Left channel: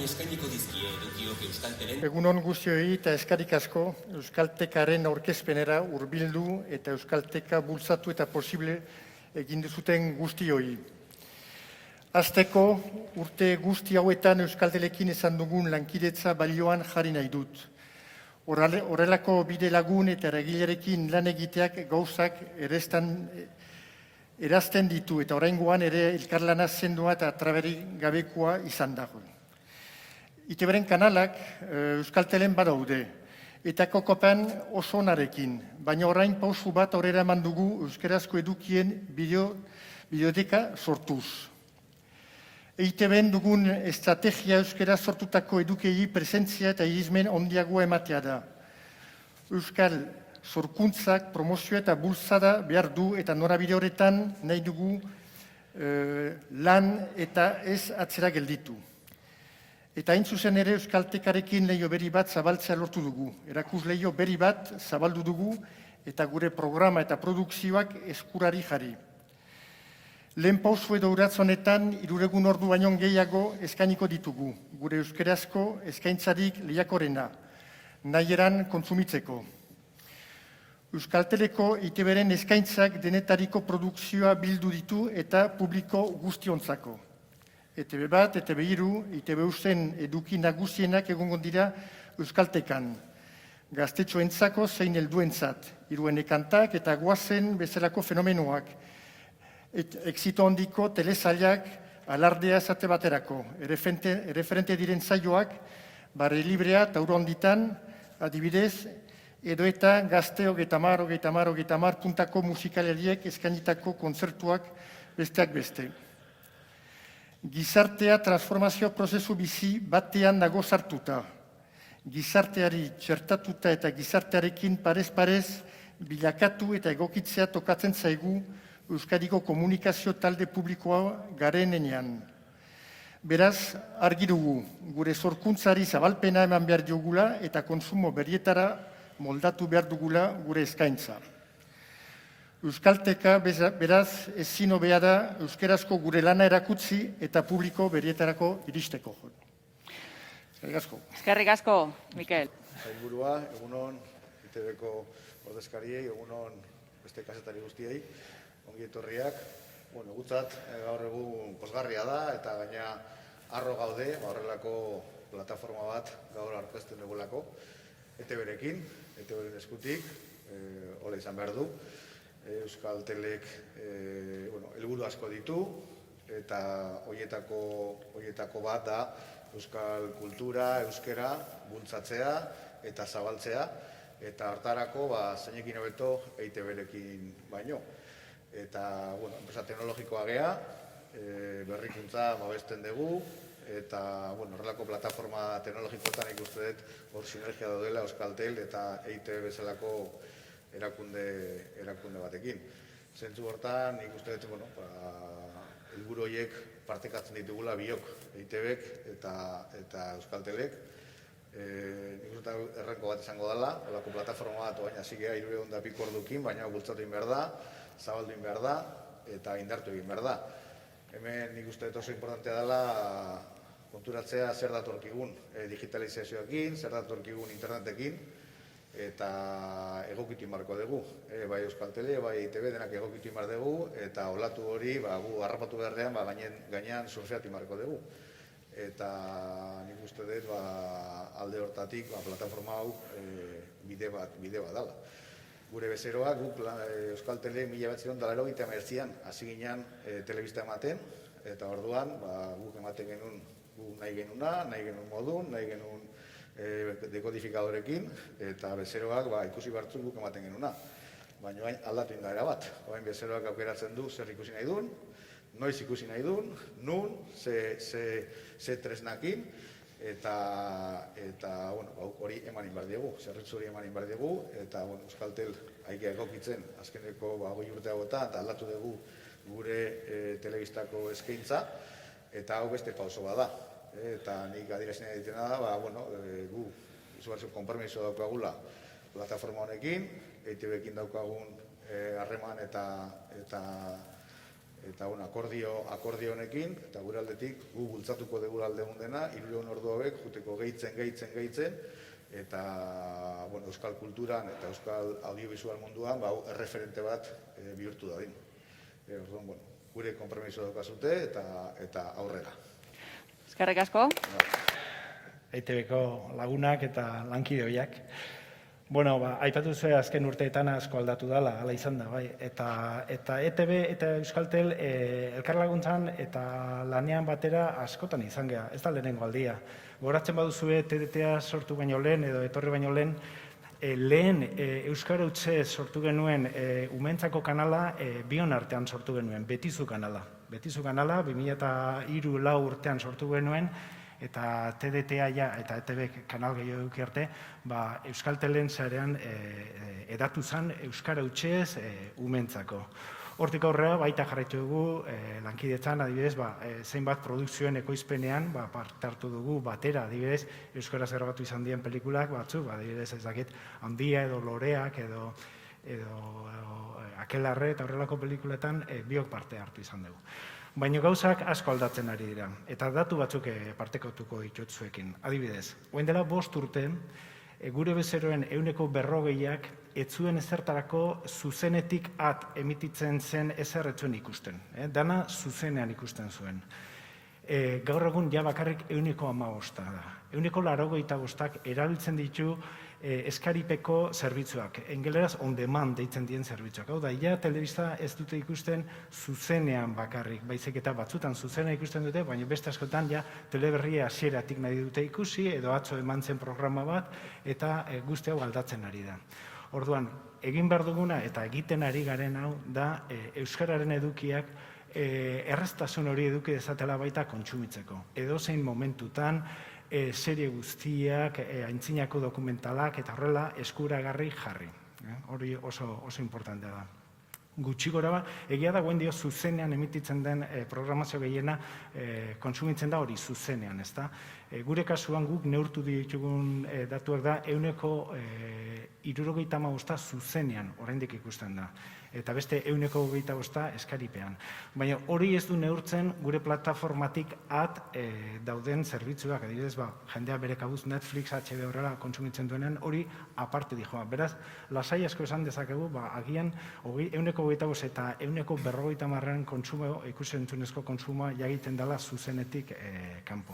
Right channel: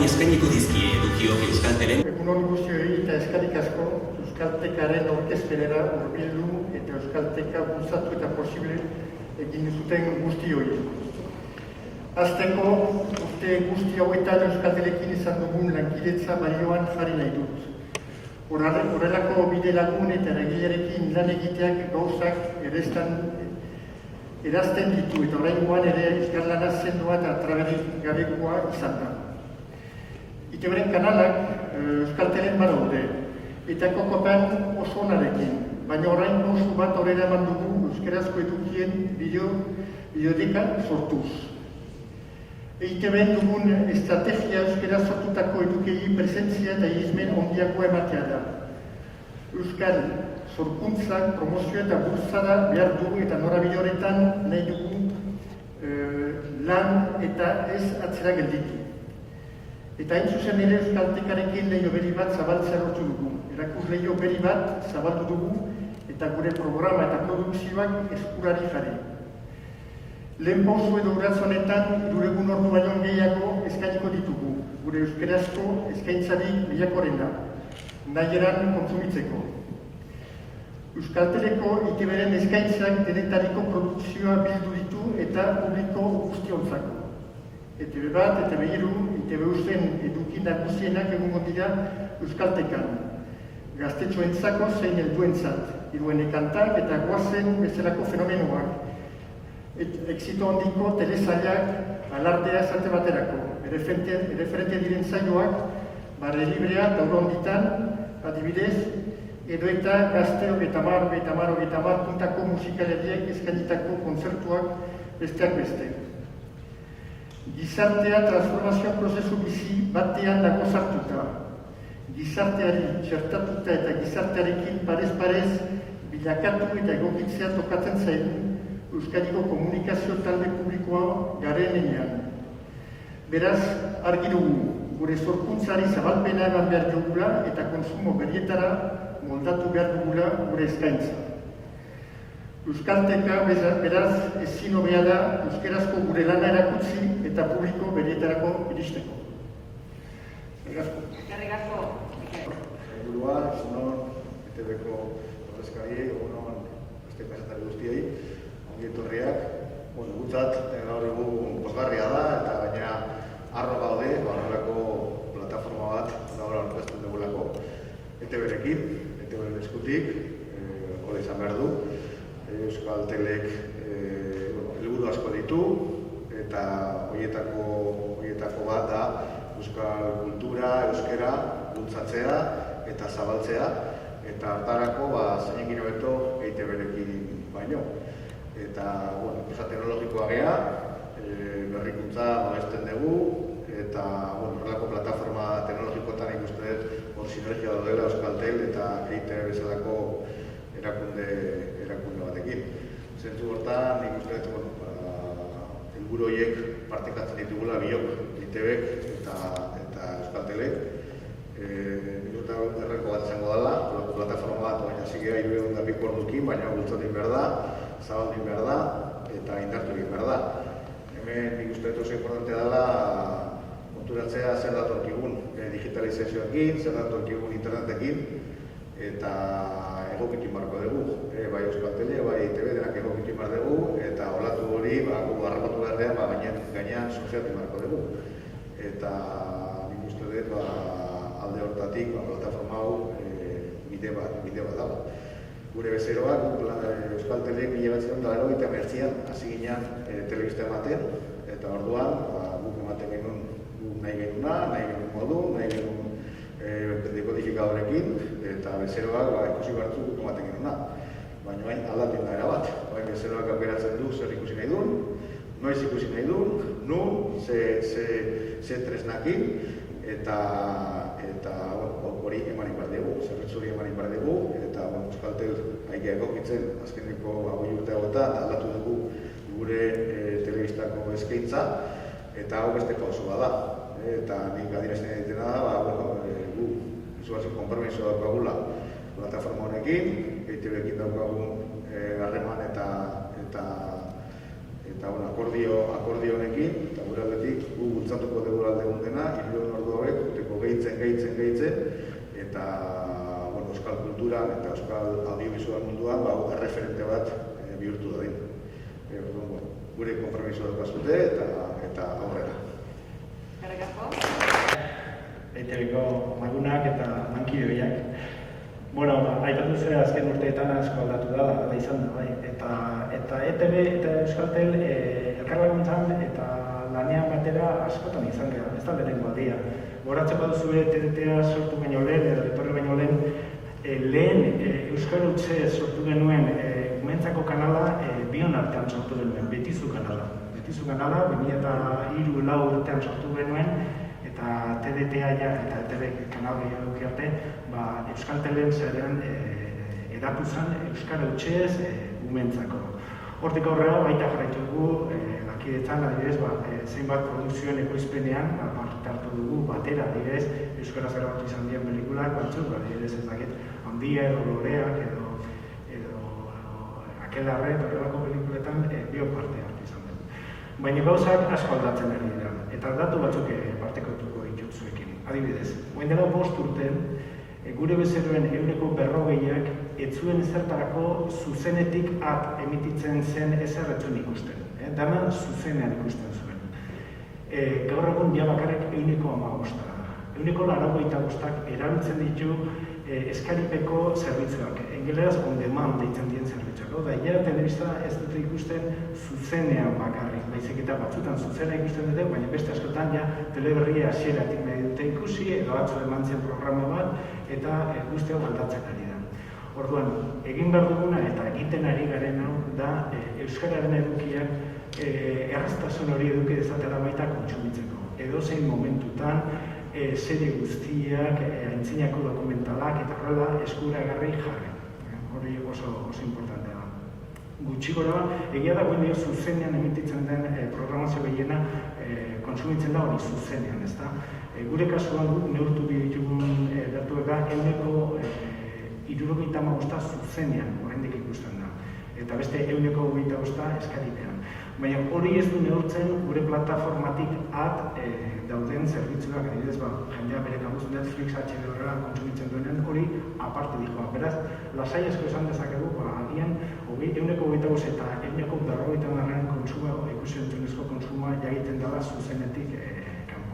orain eskainiko dizkie edukiok Euskaltelen. Egunon guztioi eta eskarik asko Euskaltekaren aurkezpenera hurbildu eta Euskalteka bultzatu eta posible egin duzuten guztioi. Hasteko urte guzti hauetan Euskaltelekin izan dugun lankidetza balioan jarri nahi dut. Horrelako bide lagun eta eragilearekin lan egiteak gauzak erazten ditu eta oraingoan ere elkarlana sendoa eta traberik gabekoa izan da. ITBren kanalak Euskaltelen badaude eta kokopan oso onarekin, baina orain pausu bat aurrera eman dugu euskarazko edukien biblioteka sortuz. ITBen dugun estrategia euskaraz sortutako edukei presentzia eta irizmen handiagoa ematea da. Euskal sorkuntzak promozioa eta bultzada behar du eta norabide horretan nahi dugu lan eta ez atzera gelditu. Eta hain zuzen ere Euskaltekarekin leiho berri bat zabaltzea lortu dugu. Erakus leiho berri bat zabaldu dugu eta gure programa eta produkzioak eskurari jarri. Lehen pausu edo urratz honetan, 3 ordu baino gehiago eskainiko ditugu, gure euskarazko eskaintzarik lehiakorena, nahi eran kontsumitzeko. Euskalteleko ITBren eskaintzak denetariko produkzioa bildu ditu eta publiko guztiontzako. ETB bat, ETB hiru, ITB usten eduki nagusienak egongo dira Euskaltekan. Gaztetxoentzako zein helduentzat, hiruen kantak eta goazen bezalako fenomenoak. Exito handiko telesailak alardea esate baterako. Erreferente diren zaioak, bare librea eta honditan, adibidez, edo eta gazte 30 puntako musikaleriek eskainitako kontzertuak besteak beste. Gizartea transformazio prozesu bizi batean dago sartuta. Gizarteari txertatuta eta gizartearekin parez-parez bilakatu eta egokitzea tokatzen zaigu Euskadiko komunikazio talde publikoa garen enean. Beraz, argi dugu, gure sorkuntzari zabalpena eman behar dugula eta kontsumo berrietara moldatu behar dugula gure eskaintza. Euskalteka beraz ezin hobea da euskarazko gure lana erakutsi eta publiko berrietarako iristeko. Eskerrik asko, Mikel. Sailburua, egunon, ETBko ordezkari, egunon beste kazetari guztiei, ongi etorriak. Gutzat, gaur egun pozgarria da eta gaina arro gaude, horrelako plataforma bat gaur aurkezten dugulako. ETBrekin, ETBren eskutik, hori izan behar du. Euskaltelek helburu asko ditu eta horietako bat da euskal kultura, euskera bultzatzea eta zabaltzea eta hartarako zein gero beto EITBrekin baino. Eta, enpresa teknologikoa gea, berrikuntza babesten dugu eta horrelako plataforma teknologikoetan ikuste hor sinergia daudela Euskaltel eta EITB bezalako erakunde batekin. Zentzu hortan, nik uste helburu horiek partekatzen ditugula biok, ITBek eta Euskaltelek. Erreko bat izango dela, plataforma bat, baina zikera 302 ordukin, baina bultzatu egin behar da, zabaldu egin behar da eta indartu egin behar da. Hemen nik uste oso importante dela konturatzea zer datorkigun digitalizazioakin, zer datorkigun internetekin eta egokikin marko dugu. Bai Euskaltele, bai ITB denak egokikin mar dugu eta olatu hori gu armatu beharrean gainean surfeatu marko dugu. Eta nik uste dut alde hortatik plataforma hau bide bat dago. Gure bezeroak, Euskaltelek 1989an hasi ginen telebista ematen eta orduan guk ematen genuen nahi genuna, nahi genuen modu, nahi genuen dekodifikadorrekin eta bezeroak ikusi batzuk guk ematen genuna. Baina hain aldatu da erabat. Hain bezeroak aukeratzen du zer ikusi nahi duen, noiz ikusi nahi duen, ze tresnakin eta hori emanik behar dugu, zerrezuri emanik behar dugu eta Euskaltel haike egokitzen azkeneko 5 urte hauetan aldatu dugu gure telebistako eskaintza eta hau beste kauso da. Eta nik adierazten egitena da, gu izugarrizko konpromiso daukagula plataforma honekin, EITBekin daukagun harreman eta akordio honekin, eta gure aldetik gu bultzatuko dugu alde dena, 3 ordu eta euskal kulturan eta euskal audiovisual munduan erreferente bat bihurtu da. Gure konpromiso daukazute eta aurrera. Eskerrik asko. EITBko lagunak eta lankide biak. Aipatu zuen azken urteetan asko aldatu dela, ala izan da, bai. Eta ETB eta Euskaltel elkarlaguntzan eta lanean batera askotan izan gara, ez da lehenengo aldia. Goratzeko duzue TDTA sortu baino lehen, edo etorri baino lehen Euskal Utze sortu genuen umeentzako kanala bion artean sortu genuen, Betizu kanala. Betizu kanala 2003-2004 urtean sortu genuen, eta TDTA eta ETB kanal gehiago arte, Euskaltelen zerean edatu zen Euskal Utzez umeentzako. Hortik aurrera baita jarraitu dugu, lankidetzan adibidez, zeinbat produkzioen ekoizpenean parte hartu dugu batera, adibidez, euskaraz grabatu izan diren pelikulak batzuk, adibidez ez dakit, Handia edo Loreak edo Akelarre eta horrelako pelikuletan biok parte hartu izan dugu. Baina gauzak asko aldatzen ari dira, eta datu batzuk partekatuko ditut zuekin. Adibidez, orain dela 5 urte, gure bezeroen 40%ak ez zuen zertarako zuzenetik emititzen zen ezer ez zuen ikusten. Dana zuzenean ikusten zuen. Gaur egun ja bakarrik 15% da. 95%ak erabiltzen ditu eskalipeko zerbitzuak. Engeleraz on demand deitzen dien zerbitzuak. Hau da, telebista ez dute ikusten zuzenean bakarrik. Baizik eta batzutan zuzenean ikusten dute, baina beste askotan teleberria hasieratik nahi dute ikusi, edo atzo eman zen programa bat, eta guzti hau aldatzen ari da. Orduan, egin behar duguna eta egiten ari garen hau da euskararen edukiak erraztasun hori eduki dezatela baita kontsumitzeko. Edozein momentutan, serie guztiak, aintzinako dokumentalak eta horrela eskuragarri jarri. Hori oso importantea da. Gutxi gora, egia da guen zuzenean emititzen den programazio gehiena kontsumitzen da hori zuzenean, ez da? Gure kasuan neurtu ditugun datuak da, 75% zuzenean oraindik ikusten da. Eta beste 25% eskaripean. Baina hori ez du neurtzen gure plataformatik dauden zerbitzuak, adibidez, jendea bere kabuz Netflix, HBO horrela kontsumitzen duenean hori aparte dijoa. Beraz, lasai asko esan dezakegu, agian 25% eta 50% kontsumo, ikusentzunezko kontsumoa egiten dela zuzenetik kanpo.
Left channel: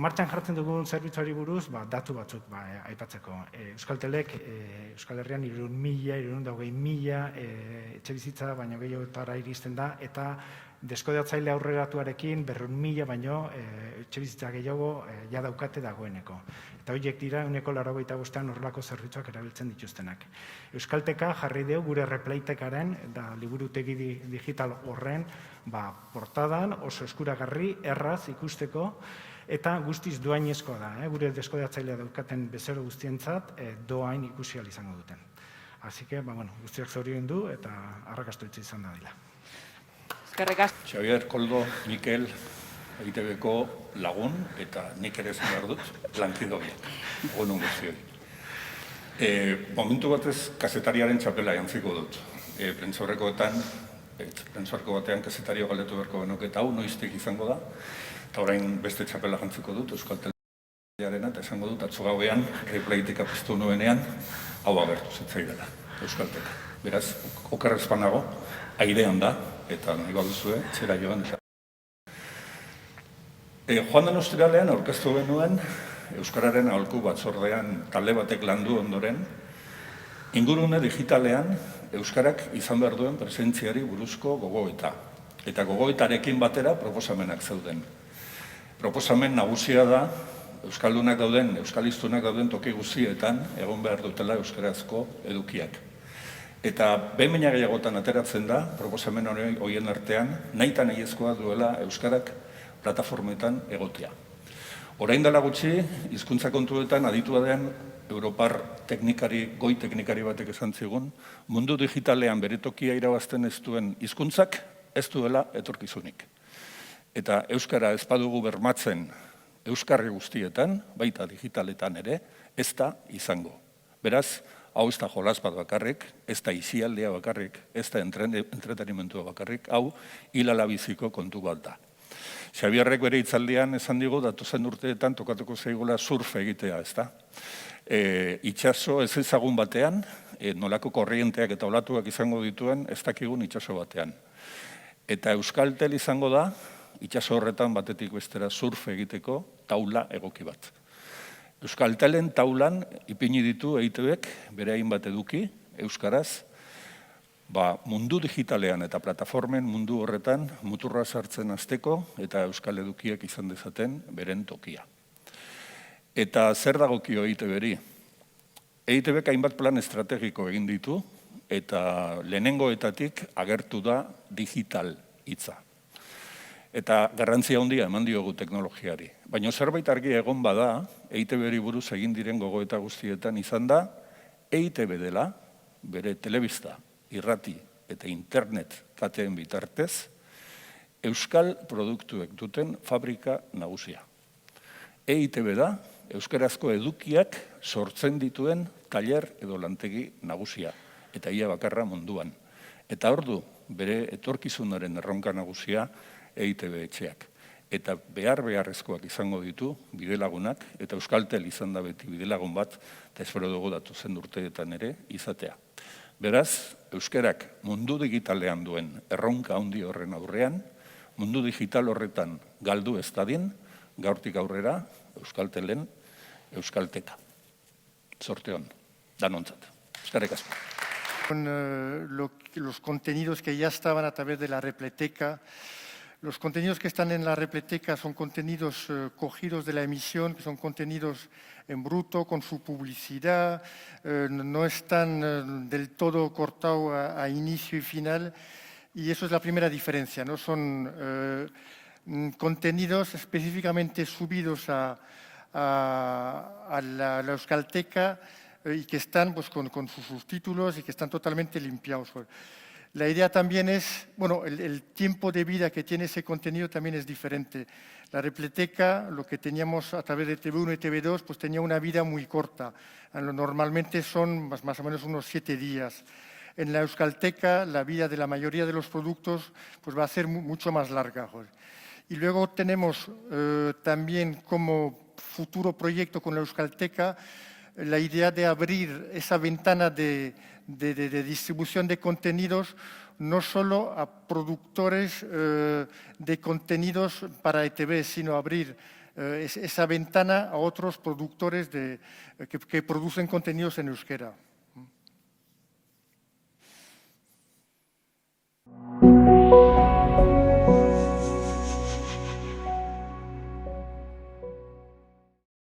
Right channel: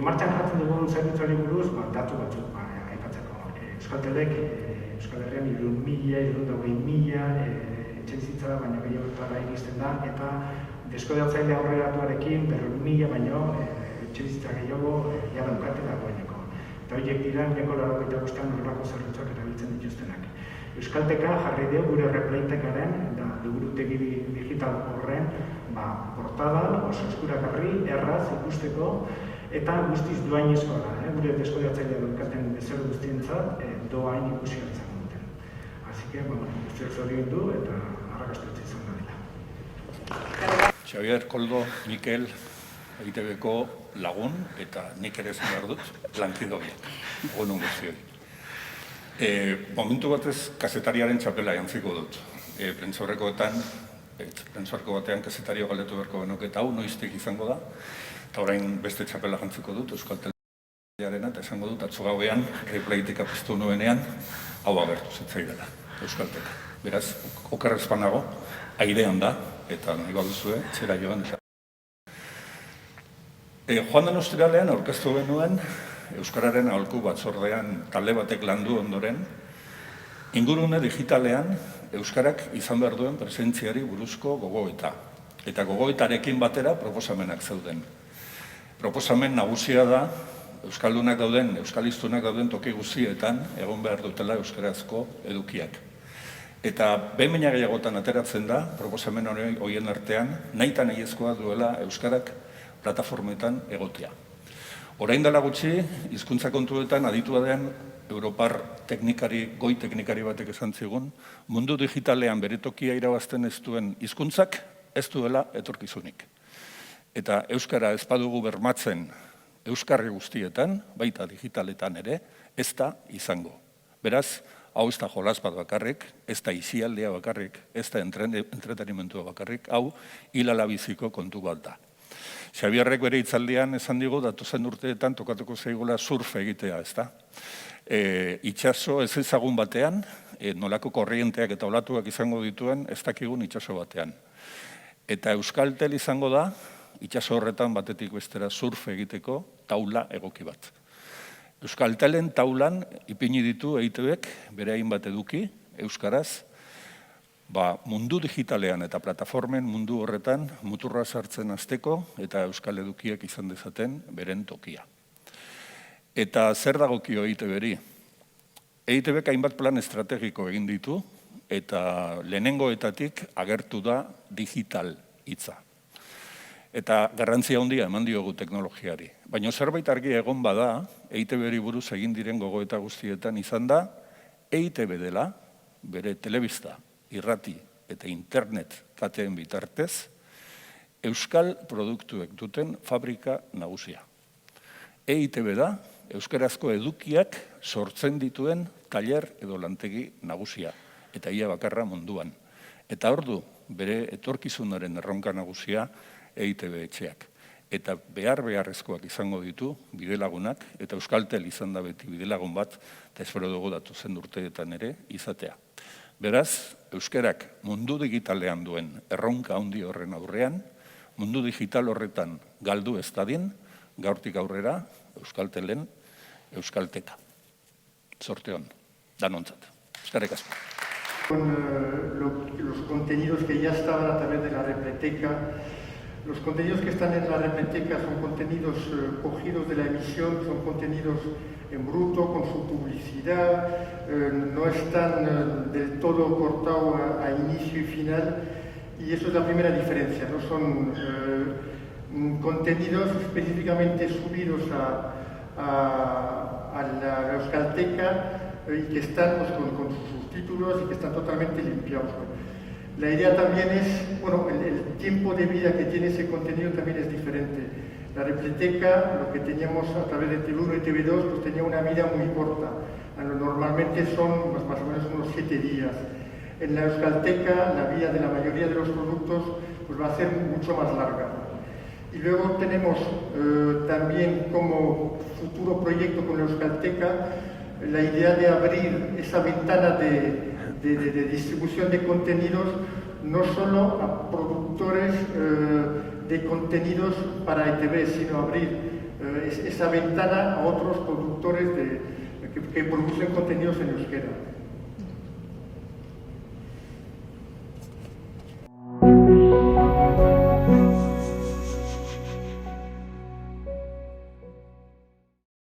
Martxan jartzen dugun zerbitzuari buruz, datu batzuk aipatzeko. Euskaltelek, Euskal Herrian 300.000 etxebizitza baino gehiagotara iristen da, eta deskodatzaile aurreratuarekin 100.000 baino etxebizitza gehiago daukate dagoeneko. Eta horiek dira, 95% horrelako zerbitzuak erabiltzen dituztenak. Euskalteka jarri dugu gure repleitekaren, da liburutegi digital horren, portada oso eskuragarri, erraz ikusteko, eta guztiz doainezkoa da. Gure deskodatzaile daukaten bezero guztientzat doain ikusi izango duten. Así que, guztiak zoriondu eta arrakastutze izan da dira. Xavier, Koldo, Mikel, EITBko lagun eta nik ere zan behar dut, lankide biak, honun guztioi. Momentu batez, kazetariaren txapela jantziko dut. Prentsaurreko batean kazetario galdetu beharko genuke eta hau noiztik izango da, eta orain beste txapela jantziko dut, Euskaltelaren eta esango dut, atzo gauean, repleitika piztu nuenean, hau agertu zitzaidela, Euskalteka. Beraz, okerrezpan nago, airean da, eta nahi baduzue, txera joan. Joan den ostiralean aurkeztu genuen, Euskararen aholku batzordean talde batek landu ondoren, ingurune digitalean Euskarak izan behar duen presentziari buruzko gogoeta. Eta gogoetarekin batera proposamenak zeuden. Proposamen nagusia da, Euskaldunak dauden, Euskaliztunak dauden toki guztietan egon behar dutela euskarazko edukiak. Eta behin gehiagotan ateratzen da, proposamen horien artean, nahita nahiezkoa duela Euskarak plataformetan egotea. Orain dela gutxi, hizkuntza kontuetan aditua den Europar goi teknikari batek esan zigun, mundu digitalean bere tokia irabazten ez duen hizkuntzak ez duela etorkizunik. Eta Euskara ez badugu bermatzen Euskarri guztietan, baita digitaletan ere, ez da izango. Beraz, hau ez da jolas bat bakarrik, ez da isialdea bakarrik, ez da entretenimentua bakarrik, hau hilalabiziko kontu bat da. Xabierrek bere hitzaldian esan digu datozen urteetan tokatuko zaigula surf egitea, ezta? Itsaso ez ezagun batean, nolako korrienteak eta olatuak izango dituen ez dakigun itsaso batean. Eta Euskaltel izango da, itsaso horretan batetik bestera surf egiteko taula egoki bat. Euskaltelen taulan ipini ditu EITBek bere hainbat eduki, euskaraz, mundu digitalean eta plataformen mundu horretan muturra sartzen hasteko eta euskal edukiek izan dezaten beren tokia. Eta zer dagokio EITBri? EITBek hainbat plan estrategiko egin ditu eta lehenengoetatik agertu da digital hitza. Eta garrantzia handia eman diogu teknologiari. Baina zerbait argi egon bada, EITBri buruz egin diren gogoeta guztietan izan da, EITB dela, bere telebista, irrati eta internet kateen bitartez, euskal produktuek duten fabrika nagusia. EITB da, euskarazko edukiak sortzen dituen tailer edo lantegi nagusia, eta ia bakarra munduan. Eta ordu, bere etorkizunaren erronka nagusia EITB etxeak. Eta beharrezkoak izango ditu bidelagunak, eta Euskaltel izan da beti bidelagun bat, eta espero dugu datozen urteetan ere izatea. Beraz, euskarak mundu digitalean duen erronka handi horren aurrean, mundu digital horretan galdu ez dadin, gaurtik aurrera Euskaltelen Euskalteka. Zorte hon, danontzat. Eskerrik asko. Los contenidos que ya estaban a través de la Repleteca. Los contenidos que están en la Repleteca son contenidos cogidos de la emisión, son contenidos en bruto, con su publicidad, no están del todo cortados a inicio y final, y eso es la primera diferencia, ¿no? Son contenidos específicamente subidos a la Euskalteca y que están pues, con sus subtítulos y que están totalmente limpiados. La idea también es, bueno, el tiempo de vida que tiene ese contenido también es diferente. La Repleteca, lo que teníamos a través de TV1 y TV2, pues tenía una vida muy corta. Normalmente son pues, más o menos unos 7 días. En la Euskalteca, la vida de la mayoría de los productos pues, va a ser mucho más larga. Y luego tenemos también como futuro proyecto con la Euskalteca la idea de abrir esa ventana de distribución de contenidos no solo a productores de contenidos para ETV, sino abrir esa ventana a otros productores que producen contenidos en euskera.